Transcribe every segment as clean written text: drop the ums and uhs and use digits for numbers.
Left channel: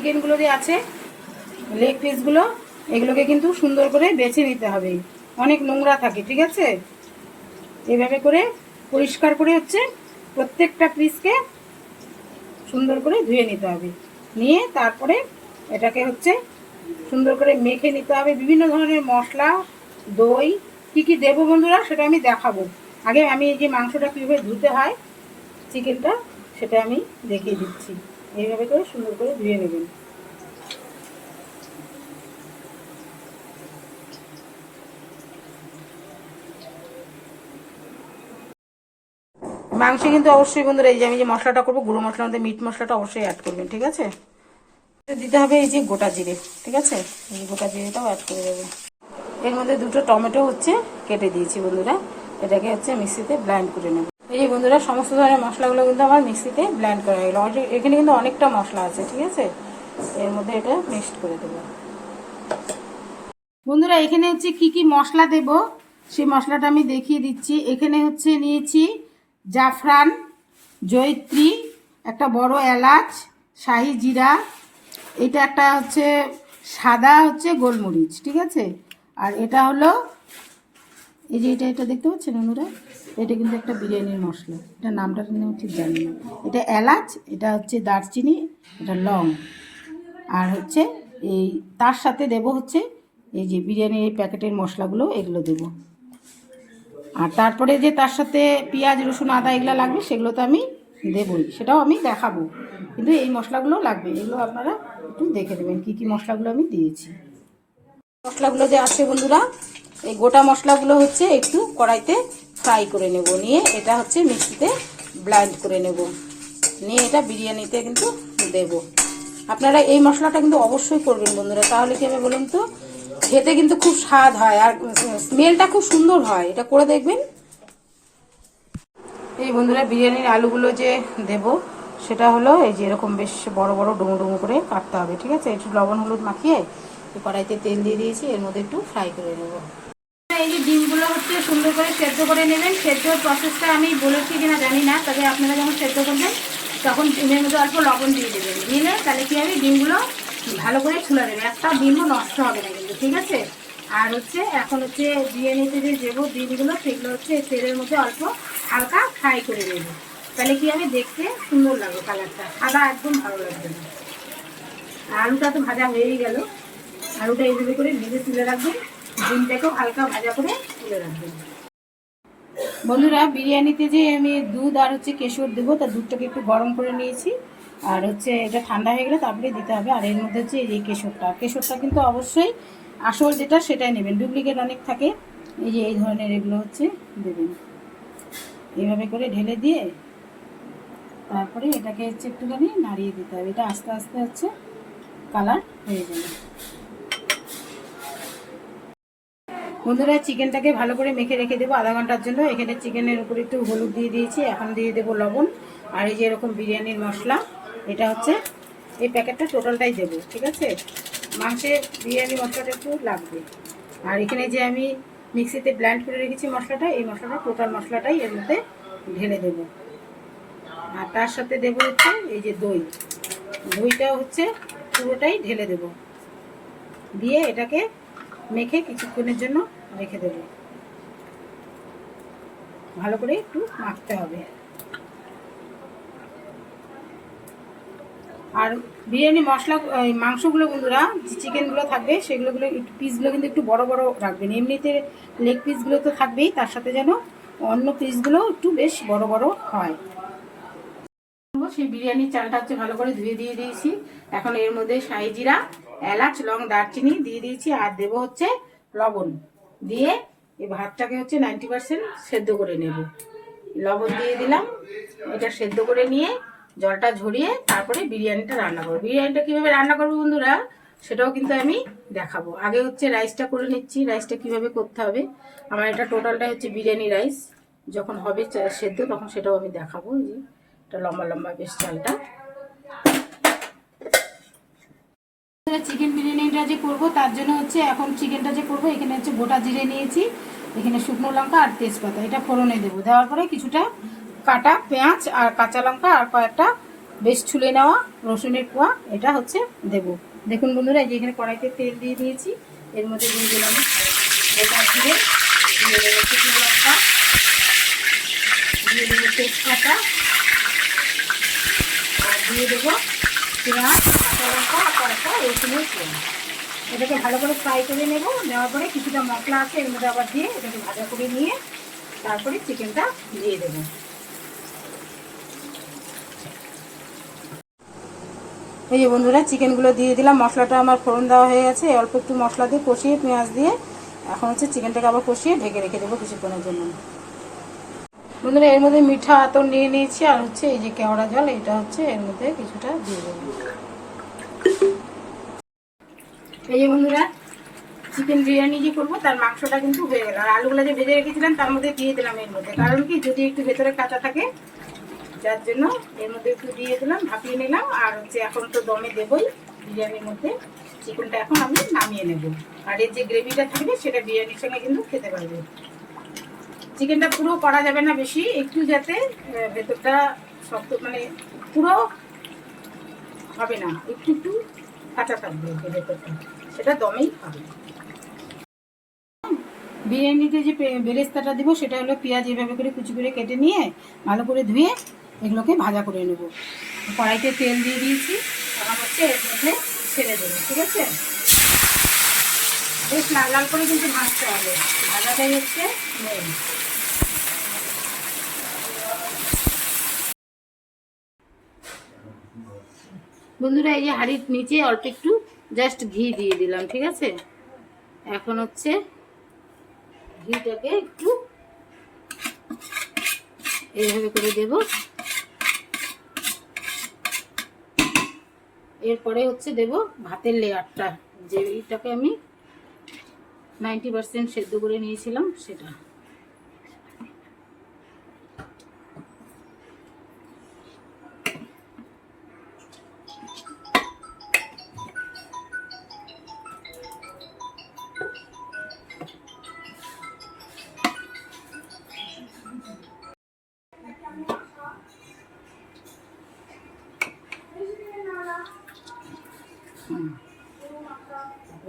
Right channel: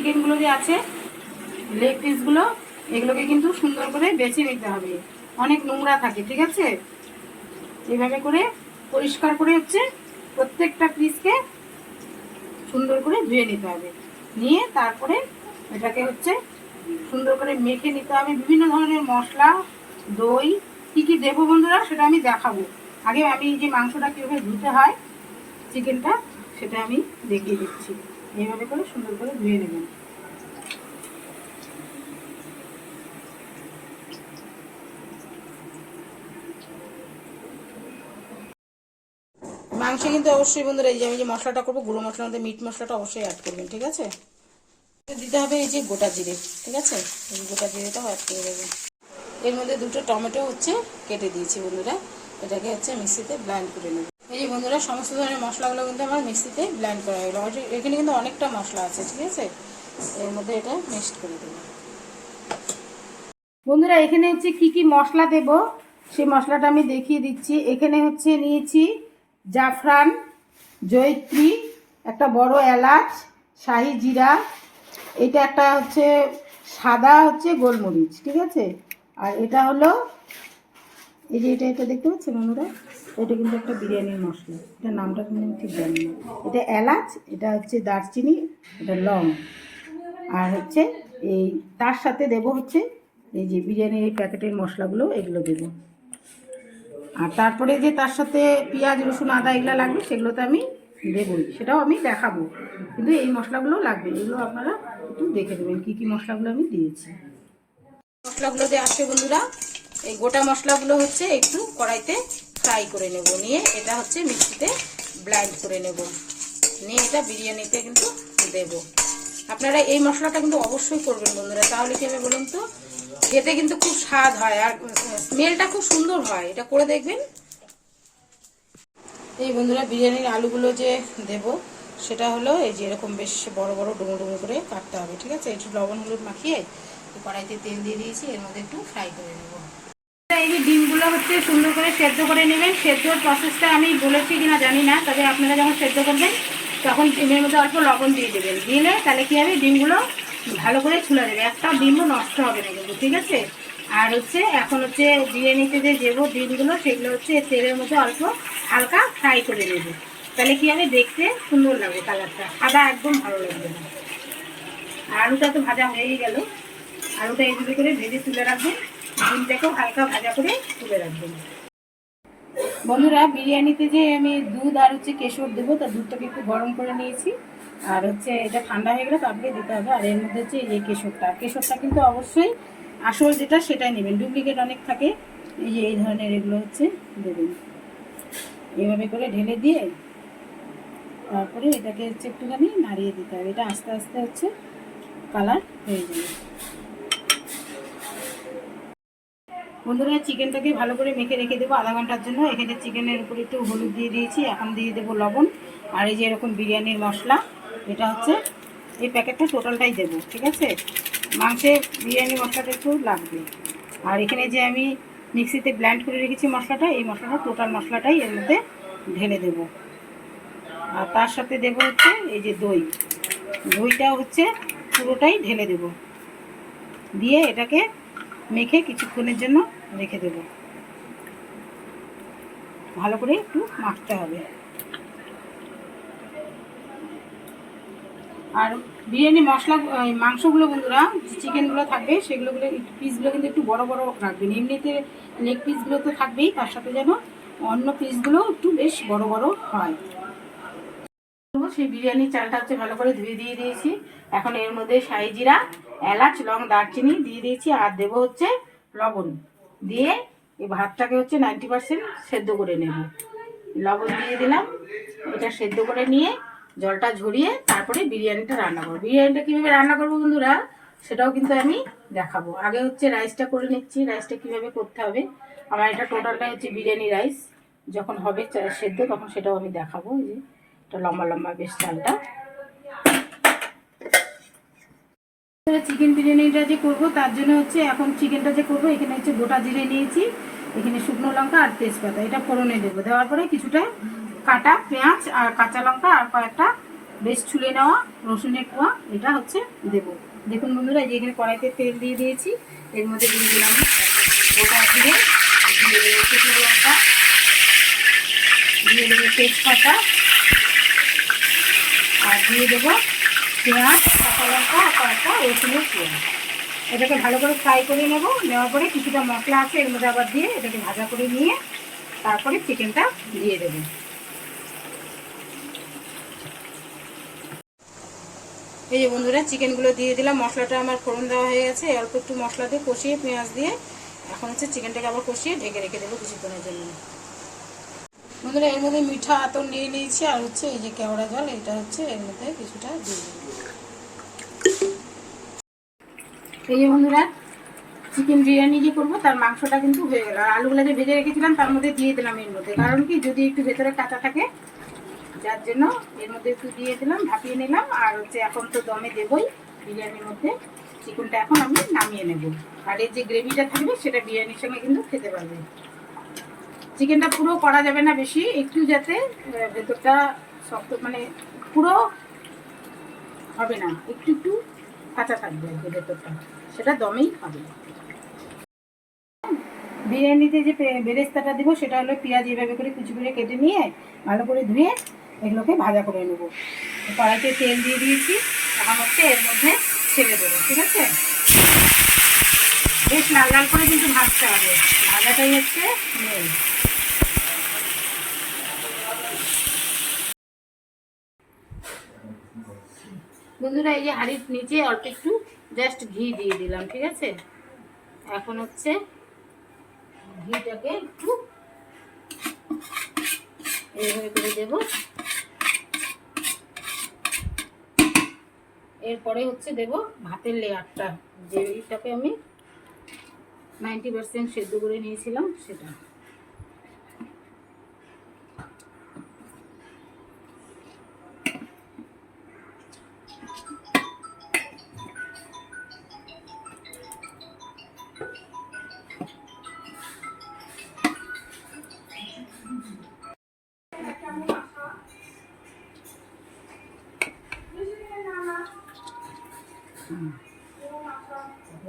চিকেনগুলো যে আছে লেগ পিসগুলো, এগুলোকে কিন্তু সুন্দর করে বেছে নিতে হবে, অনেক নোংরা থাকে, ঠিক আছে। এইভাবে করে পরিষ্কার করে হচ্ছে প্রত্যেকটা পিসকে সুন্দর করে ধুয়ে নিতে হবে। নিয়ে তারপরে এটাকে হচ্ছে সুন্দর করে মেখে নিতে হবে বিভিন্ন ধরনের মশলা, দই, কী কী দেবো বন্ধুরা সেটা আমি দেখাবো। আগে আমি এই যে মাংসটা কীভাবে ধুতে হয় চিকেনটা সেটা আমি দেখিয়ে দিচ্ছি। এইভাবে করে সুন্দর করে ধুয়ে নেবেন। মাংসে কিন্তু অবশ্যই বন্ধুরা এই যে আমি যে মশলাটা করবো গুঁড়ো মশলার মধ্যে মিট মশলাটা অবশ্যই অ্যাড করবেন, ঠিক আছে। দিতে হবে এই যে গোটা জিরে, ঠিক আছে, এই গোটা জিরেটাও অ্যাড করে দেবো। এর মধ্যে দুটো টমেটো হচ্ছে কেটে দিয়েছি বন্ধুরা, এটাকে হচ্ছে মিক্সিতে ব্লেন্ড করে নেব। এই যে বন্ধুরা সমস্ত ধরনের মশলাগুলো কিন্তু আমার মিক্সিতে ব্লেন্ড করা হলো। এখানে কিন্তু অনেকটা মশলা আছে, ঠিক আছে, এর মধ্যে এটা মিক্সড করে দেবো। বন্ধুরা এখানে হচ্ছে কি কি মশলা দেব সেই মশলাটা আমি দেখিয়ে দিচ্ছি। এখানে হচ্ছে নিয়েছি জাফরান, জয়িত্রী, একটা বড় এলাচ, শাহি জিরা, এটা একটা হচ্ছে সাদা হচ্ছে গোলমরিচ, ঠিক আছে। আর এটা হলো এই যে এটা দেখতে পাচ্ছেন বন্ধুরা, এটা কিন্তু একটা বিরিয়ানির মশলা, এটা নামটা কিন্তু আমি ঠিক জানি না। এটা এলাচ, এটা হচ্ছে দারচিনি, এটা লং, আর হচ্ছে এই তার সাথে দেব হচ্ছে এই যে বিরিয়ানির এই প্যাকেটের মশলাগুলো, এগুলো দেব। আর তারপরে যে তার সাথে পেঁয়াজ রসুন আদা এগুলো লাগবে সেগুলো তো আমি দেবই, সেটাও আমি দেখাবো, কিন্তু এই মশলাগুলো লাগবে, এগুলো আপনারা একটু দেখে দেবেন কী কী মশলাগুলো আমি দিয়েছি। মশলাগুলো যে আছে বন্ধুরা, এই গোটা মশলাগুলো হচ্ছে একটু কড়াইতে ফ্রাই করে নেব, নিয়ে এটা হচ্ছে মিক্সিতে ব্লেন্ড করে নেব, নিয়ে এটা বিরিয়ানিতে কিন্তু দেব। আপনারা এই মশলাটা কিন্তু অবশ্যই করবেন বন্ধুরা, তাহলে কি হবে বলুন তো, খেতে কিন্তু খুব স্বাদ হয় আর স্মেলটা খুব সুন্দর হয়, এটা করে দেখবেন। এই বন্ধুরা বিরিয়ানির আলুগুলো যে দেব সেটা হলো এই যে এরকম বেশ বড় বড় ডুমো ডুমো করে কাটতে হবে, ঠিক আছে। একটু লবণ হলুদ মাখিয়ে কড়াইতে তেল দিয়ে দিয়েছি, এর মধ্যে একটু ফ্রাই করে নেব। এই যে ডিমগুলো হচ্ছে সুন্দর করে সেদ্ধ করে নেবেন। সেদ্ধর প্রসেসটা আমি বলেছি কিনা জানি না, তবে আপনারা যখন সেদ্ধ করবেন তখন ডিমের মধ্যে অল্প লবণ দিয়ে দেবেন, দিলে তাহলে কি হবে ডিমগুলো ভালো করে ছুলে দেবে, একটা ডিমও নষ্ট হবে না কিন্তু, ঠিক আছে। আর হচ্ছে এখন হচ্ছে বিরিয়ানিতে যে দেবো ডিমগুলো সেগুলো হচ্ছে তেলের মধ্যে অল্প হালকা ফ্রাই করে নেব, তাহলে কি হবে দেখতে সুন্দর লাগবে, কালারটা সাদা একদম ভালো লাগবে না। আলুটা তো ভাজা হয়েই গেল, আলুটা এইভাবে করে ভেজে তুলে রাখবেন, ডিমটাকেও হালকা ভাজা করে তুলে রাখবেন। বন্ধুরা বিরিয়ানিতে যে আমি দুধ আর হচ্ছে কেশর দেবো, তার দুধটাকে একটু গরম করে নিয়েছি, আর হচ্ছে এটা ঠান্ডা হয়ে গেলে তারপরে দিতে হবে। আর এর মধ্যে হচ্ছে এই যে কেশরটা কিন্তু অবশ্যই আসল যেটা সেটাই নেবেন, ডুপ্লিকেট অনেক থাকে, এই যে এই ধরনের এগুলো হচ্ছে দেবেন। এইভাবে করে ঢেলে দিয়ে তারপরে এটাকে হচ্ছে একটুখানি নাড়িয়ে দিতে হবে, এটা আস্তে আস্তে হচ্ছে কালার হয়ে যাবে। বন্ধুরা চিকেনটাকে ভালো করে মেখে রেখে দেবো আধা ঘন্টার জন্য। এখানে চিকেনের উপরে একটু হলুদ দিয়ে দিয়েছি, এখন দিয়ে দেবো লবণ, আর এই যে এরকম বিরিয়ানির মশলা, এটা হচ্ছে এই প্যাকেটটা টোটালটাই দেবো, ঠিক আছে। মাংসে বিরিয়ানি মশলাটা একটু লাগবে। আর এখানে যে আমি মিক্সিতে ব্লেন্ড করে রেখেছি মশলাটা, এই মশলাটা টোটাল মশলাটাই এর মধ্যে ঢেলে দেব। আর তার সাথে দেব হচ্ছে এই যে দইটাও হচ্ছে পুরোটাই ঢেলে দেব, দিয়ে এটাকে মেখে কিছুক্ষণের জন্য রেখে দেব, ভালো করে একটু মাখতে হবে। আর বিরিয়ানি মশলা মাংসগুলো বন্ধুরা যে চিকেনগুলো থাকবে সেগুলো পিসগুলো কিন্তু একটু বড় বড় রাখবেন, এমনিতে লেগ পিসগুলো তো থাকবেই, তার সাথে যেন অন্য পিসগুলো একটু বেশ বড় বড় হয়। সেই বিরিয়ানির চালটা হচ্ছে ভালো করে ধুয়ে দিয়ে দিয়েছি, এখন এর মধ্যে শাহি জিরা, এলাচ, লং, দারচিনি দিয়ে দিয়েছি, আর দেবো হচ্ছে লবণ, দিয়ে এই ভাতটাকে হচ্ছে 90% সেদ্ধ করে নেব। লবণ দিয়ে দিলাম, এটা সেদ্ধ করে নিয়ে জলটা ঝরিয়ে তারপরে বিরিয়ানিটা রান্না করবো। বিরিয়ানিটা কীভাবে রান্না করবো বন্ধুরা সেটাও কিন্তু আমি দেখাবো। আগে হচ্ছে রাইসটা করে নিচ্ছি, রাইসটা কীভাবে করতে হবে। আমার এটা টোটালটা হচ্ছে বিরিয়ানি রাইস, যখন হবে সেদ্ধ তখন সেটাও আমি দেখাবো। এই যে এটা লম্বা লম্বা বেশ চালটা। চিকেন বিরিয়ানিটা যে করবো তার জন্য হচ্ছে এখন চিকেনটা যে করবো এখানে হচ্ছে গোটা জিরে নিয়েছি, এখানে শুকনো লঙ্কা আর তেজপাতা, এটা ফোড়নে দেবো। দেওয়ার পরে কিছুটা কাটা পেঁয়াজ আর কাঁচা লঙ্কা আর কয়েকটা বেশ ছুলে নেওয়া রসুনের কোয়া এটা হচ্ছে দেব। দেখুন বন্ধুরা, যে এখানে কড়াইতে তেল দিয়ে দিয়েছি, এর মধ্যে দিয়ে দিলাম গোটা জিরে, দিয়ে দেবো শুকনো লঙ্কা, দিয়ে দেবো তেজপাতা, আর দিয়ে দেবো পেঁয়াজ, কাঁচা লঙ্কা আর কয়েকটা রসুনের কোয়া। এটাকে ভালো করে ফ্রাই করে নেব। নেওয়ার পরে কিছুটা মশলা আছে এর মধ্যে আবার দিয়ে এটাকে ভাজা করে নিয়ে তারপরে চিকেনটা দিয়ে দেব। এই যে বন্ধুরা, চিকেনগুলো দিয়ে দিলাম। মশলাটা আমার ফোড়ন দেওয়া হয়ে গেছে। অল্প একটু মশলা দিয়ে কষিয়ে পেঁয়াজ দিয়ে এখন হচ্ছে চিকেনটাকে আবার কষিয়ে ঢেকে রেখে দেবো কিছুক্ষণের জন্য। বন্ধুরা, এর মধ্যে মিঠা আতর নিয়ে নিয়েছি আর হচ্ছে এই যে কেওড়া জল, এটা হচ্ছে এর মধ্যে কিছুটা দিয়ে দেবো। এই যে বন্ধুরা, চিকেন বিরিয়ানি যে করবো তার মাংসটা কিন্তু হয়ে গেল। আর আলুগুলো যে ভেজে রেখেছিলাম তার মধ্যে দিয়ে দিলাম এর মধ্যে, কারণ কি যদি একটু ভেতরে কাঁচা থাকে, যার জন্য এর মধ্যে একটু দিয়ে দিলাম, ভাপিয়ে নিলাম। আর হচ্ছে এখন তো দমে দেবই বিরিয়ানির মধ্যে। চিকেনটা এখন আমি নামিয়ে নেব। আর এর যে গ্রেভিটা থাকবে সেটা বিরিয়ানির সঙ্গে কিন্তু খেতে পারবে। চিকেনটা পুরো করা যাবে না বেশি, একটু যাতে ভেতরটা শক্ত, মানে পুরো হবে না, একটু একটু কাঁচা থাকবে ভেতরটা, সেটা দমেই হবে। বিরিয়ানিতে যে বেরেস্তাটা দিব সেটা হলো পেঁয়াজ এভাবে করে কুচি করে কেটে নিয়ে ভালো করে ধুয়ে এগুলোকে ভাজা করে নেব। কড়াইতে তেল দিয়ে দিয়েছি, এখন হচ্ছে এর মধ্যে ছেড়ে দেবো। ঠিক আছে, বেশ লাল লাল করে কিন্তু ভাজতে হবে, ভাজাটাই হচ্ছে মেন। বন্ধুরা, এই যে হাঁড়ির নিচে অল্প একটু জাস্ট ঘি দিয়ে দিলাম। ঠিক আছে, এখন হচ্ছে ঘিটাকে একটু এইভাবে করে দেব। এরপরে হচ্ছে দেব ভাতের লেয়ারটা, যেটাকে আমি 90% সেদ্ধ করে নিয়েছিলাম সেটা।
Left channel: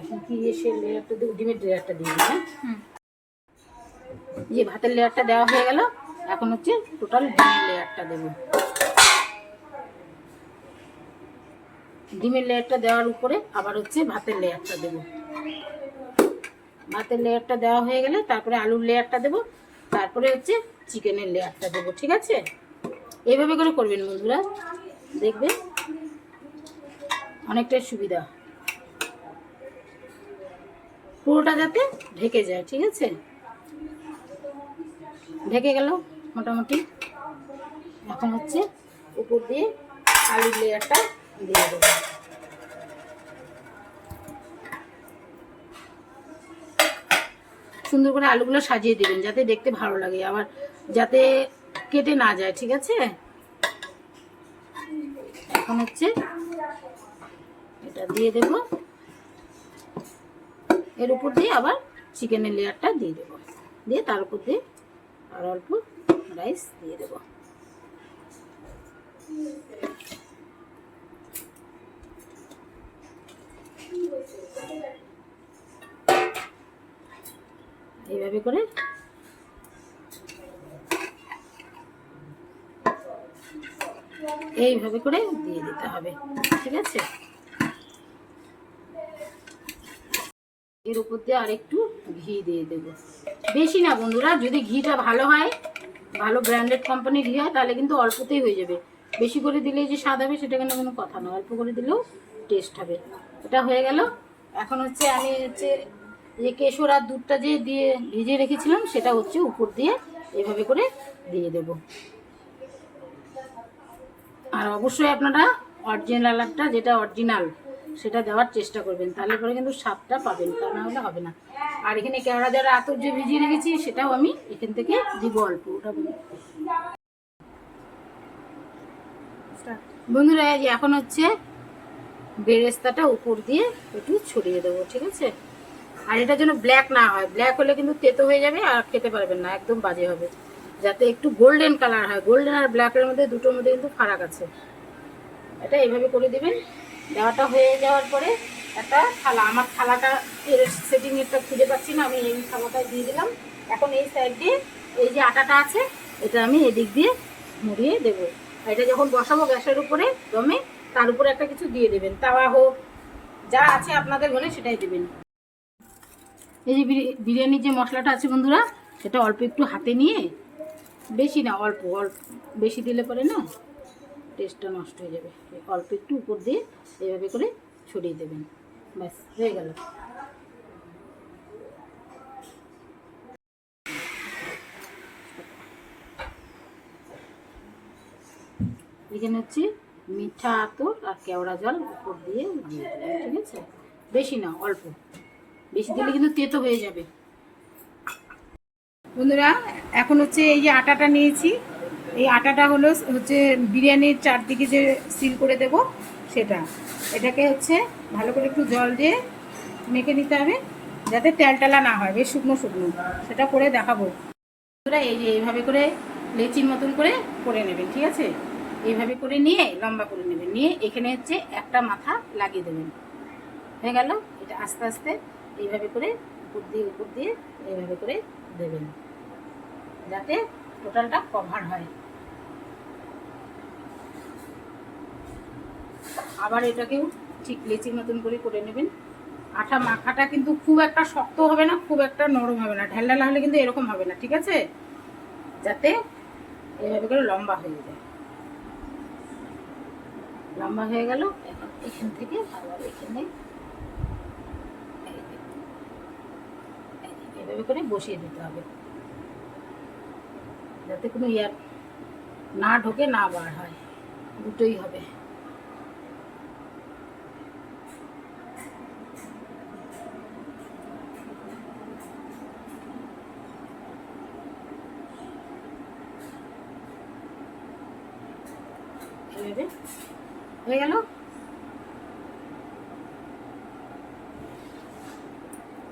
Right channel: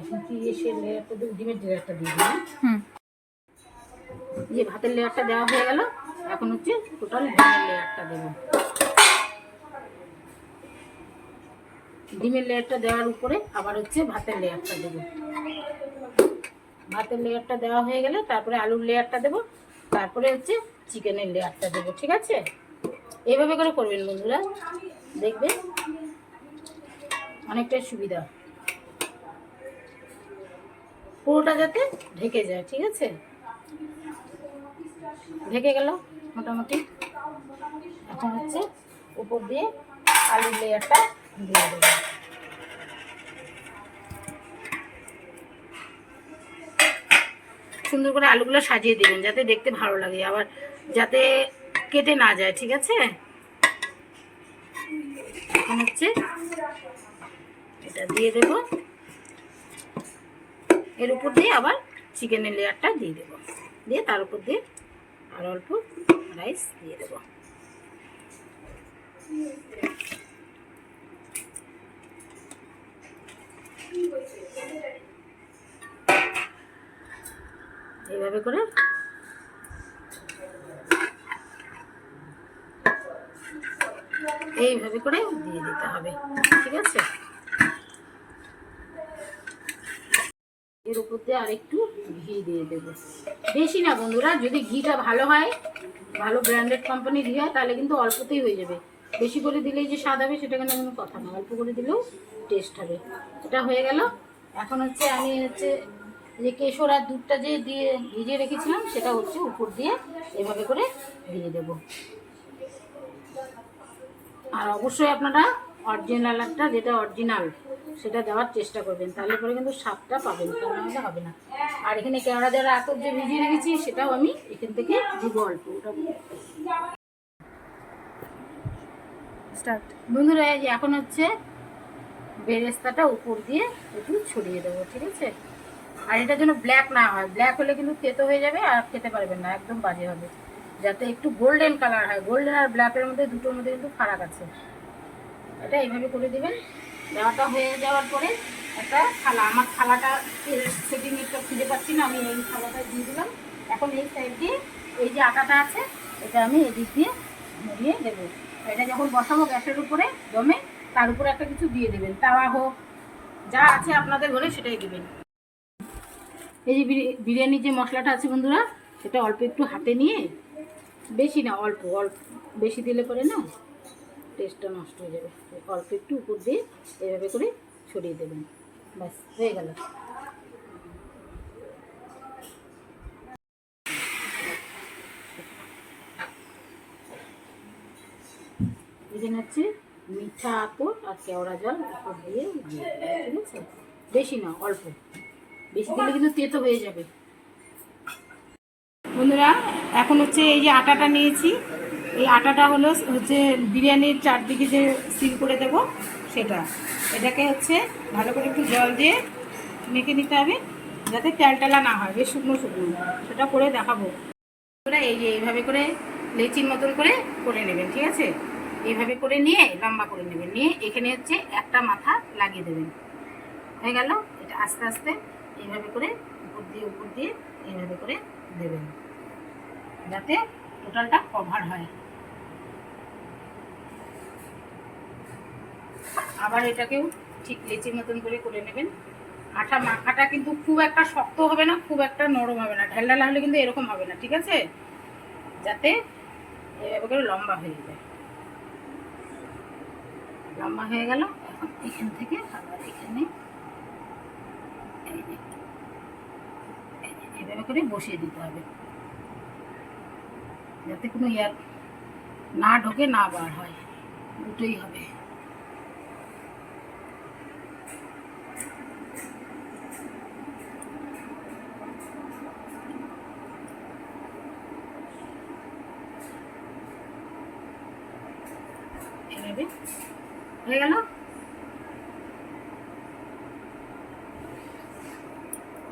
এখন কি এসে লেয়ারটা দেবো, ডিমের লেয়ারটা দিয়ে দিই। যে ভাতের লেয়ারটা দেওয়া হয়ে গেল, এখন হচ্ছে টোটাল ডিমের লেয়ারটা দেবো। ডিমের লেয়ারটা দেওয়ার উপরে আবার হচ্ছে ভাতের লেয়ারটা দেবো। ভাতের লেয়ারটা দেওয়া হয়ে গেলে তারপরে আলুর লেয়ারটা দেবো, তারপরে হচ্ছে চিকেনের লেয়ারটা দেবো। ঠিক আছে, এইভাবে করে করবেন বন্ধুরা, দেখবেন অনেকটাই সুবিধা, পুরোটা যাতে ঢেকে যায়। ঠিক আছে, ঢেকে গেল মোটামুটি। এখন হচ্ছে উপর দিয়ে আলুর লেয়ারটা দিয়ে দেবো। সুন্দর করে আলুগুলো সাজিয়ে দেবেন যাতে দেখতে ভালো লাগে, আবার যাতে কেটে না যায়। ঠিক আছে, এখন হচ্ছে এটা দিয়ে দেব, এর উপর দিয়ে আবার চিকেনের লেয়ারটা দিয়ে দেব, দিয়ে তার উপর দিয়ে আর অল্প রাইস দিয়ে দেব। এইভাবে করে এইভাবে করে দিয়ে দিতে হবে। ঠিক আছে, এর উপর দিয়ে আর একটু ঘি দিয়ে দেবো, বেশি না বন্ধুরা। যদি ঘিটা ভালো হয়, ভালো ব্র্যান্ডেড কোম্পানির ঘি হয়, তাহলে কিন্তু অল্পতেই হয়ে যাবে। বেশি করে দিলেই যে স্বাদ হবে সেটা কিন্তু কোনো কথা না, অল্প করে দিলেও টেস্ট হবে। এটা হয়ে গেল। এখন হচ্ছে আমি হচ্ছে যে কেশর আর দুধটা যে দিয়ে ভিজিয়ে রেখেছিলাম সেটা হচ্ছে উপর দিয়ে এভাবে করে দিয়ে দেব। আর অবশ্যই আপনারা অরিজিনালটা, যেটা অরিজিনাল সেটা দেওয়ার চেষ্টা করবেন, তাহলে পরে কিন্তু স্বাদটা পাবেন, তা না হলে হবে না। আর এখানে কেওড়া জলের আতর যে ভিজিয়ে রেখেছি সেটাও আমি এখান থেকে দিব অল্প। ওটা বন্ধুরা, এখন হচ্ছে বেরেস্তাটা উপর দিয়ে একটু ছড়িয়ে দেবো। ঠিক আছে, আর এটা যেন ব্ল্যাক না হয়, ব্ল্যাক হলে কিন্তু তেতো হয়ে যাবে আর খেতে পারবেন না, একদম বাজে হবে। যাতে একটু গোল্ডেন কালার হয়, গোল্ডেন আর ব্ল্যাকের মধ্যে দুটোর মধ্যে কিন্তু ফারাক আছে। এটা এইভাবে করে দেবেন। দেওয়াটা হয়ে যাওয়ার পরে একটা থালা, আমার থালাটা সেটিংটা খুঁজে পাচ্ছি না, আমি এই থালাটা দিয়ে দিলাম। এখন এই সাইড দিয়ে এই যে আটাটা আছে এটা আমি এদিক দিয়ে মুড়িয়ে দেবো। এটা যখন বসাবো গ্যাসের উপরে দমে, তার উপরে একটা কিছু দিয়ে দেবেন, তাওয়া হোক যা আছে আপনাদের ঘরে সেটাই দেবেন। এই যে বিরিয়ানির যে মশলাটা আছে বন্ধুরা, সেটা অল্প একটু হাতে নিয়ে, বেশি না, অল্প অল্প, বেশি দিলে পরে না টেস্টটা নষ্ট হয়ে যাবে। অল্প একটু উপর দিয়ে এভাবে করে ছড়িয়ে দেবেন, ব্যাস হয়ে গেল। এখানে হচ্ছে মিঠা আতর আর কেওড়া জল উপর দিয়ে দিয়ে দেবেন, ঠিক আছে? বেশি না, অল্প, বেশি দিলে কিন্তু তেতো হয়ে যাবে। বন্ধুরা এখন হচ্ছে এই যে আটাটা নিয়েছি, এই আটাটা হচ্ছে বিরিয়ানির চারদিকে যে সিল করে দেব সেটা, এটাকে হচ্ছে ভালো করে একটু জল দিয়ে মেখে নিতে হবে যাতে তেলটেলা না হয়, বেশ শুকনো শুকনো, সেটা করে দেখাবো। বন্ধুরা এই যে এইভাবে করে লেচির মতন করে নেবেন, ঠিক আছে? এইভাবে করে নিয়ে লম্বা করে নেবেন, নিয়ে এখানে হচ্ছে একটা মাথা লাগিয়ে দেবেন, হয়ে গেল। এটা আস্তে আস্তে এইভাবে করে উপর দিয়ে এইভাবে করে দেবেন যাতে টোটালটা কভার হয়। আবার এটাকেও ঠিক লেচির মতন করে নেবেন। আটা মাখাটা কিন্তু খুব একটা শক্ত হবে না, খুব একটা নরম হবে না, ঢালা হলে কিন্তু এরকম হবে না, ঠিক আছে? যাতে এইভাবে করে লম্বা হয়ে যায়। লম্বা হয়ে গেল, এখন এখান থেকে আবার এখানে এভাবে করে বসিয়ে দিতে হবে যাতে কোনো ইয়ার না ঢোকে না বার হয়, দুটোই হবে। এইভাবে হয়ে গেল।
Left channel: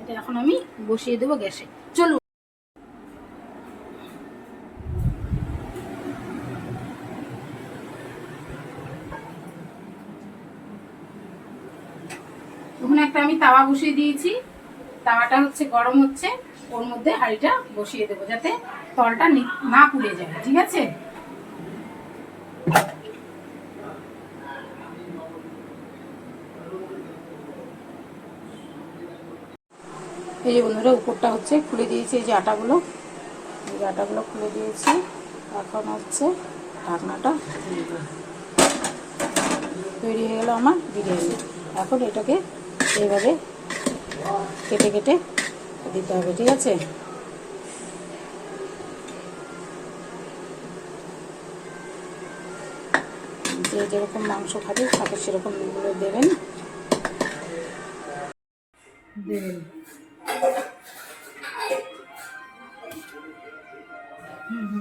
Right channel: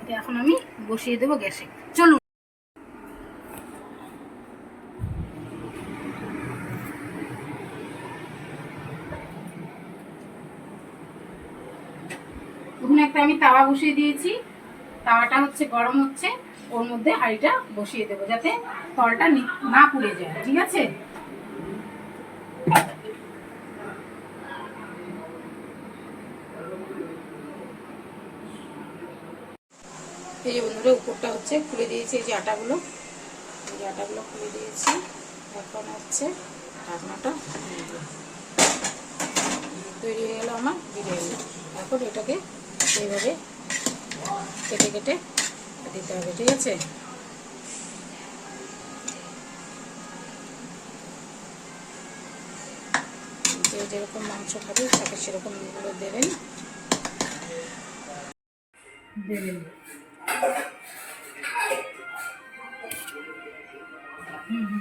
এটা এখন আমি বসিয়ে দেবো গ্যাসে, চলুন। ওখানে একটা আমি তাওয়া বসিয়ে দিয়েছি, তাওয়াটা হচ্ছে গরম হচ্ছে, ওর মধ্যে হাঁড়িটা বসিয়ে দেবো যাতে তলটা না পুড়ে যায়, ঠিক আছে? এই যে বন্ধুরা উপরটা হচ্ছে খুলে দিয়েছি, এই যে আটাগুলো, এই যে আটাগুলো খুলে দিয়েছি। এখন হচ্ছে ঢাকনাটা দিয়ে দেবো, তৈরি হয়ে গেল আমার বিরিয়ানি। এখন এটাকে এইভাবে কেটে কেটে দিতে হবে, ঠিক আছে? যে যেরকম মাংস খাবে তাকে সেরকম দেবেন দেবেন। হুম।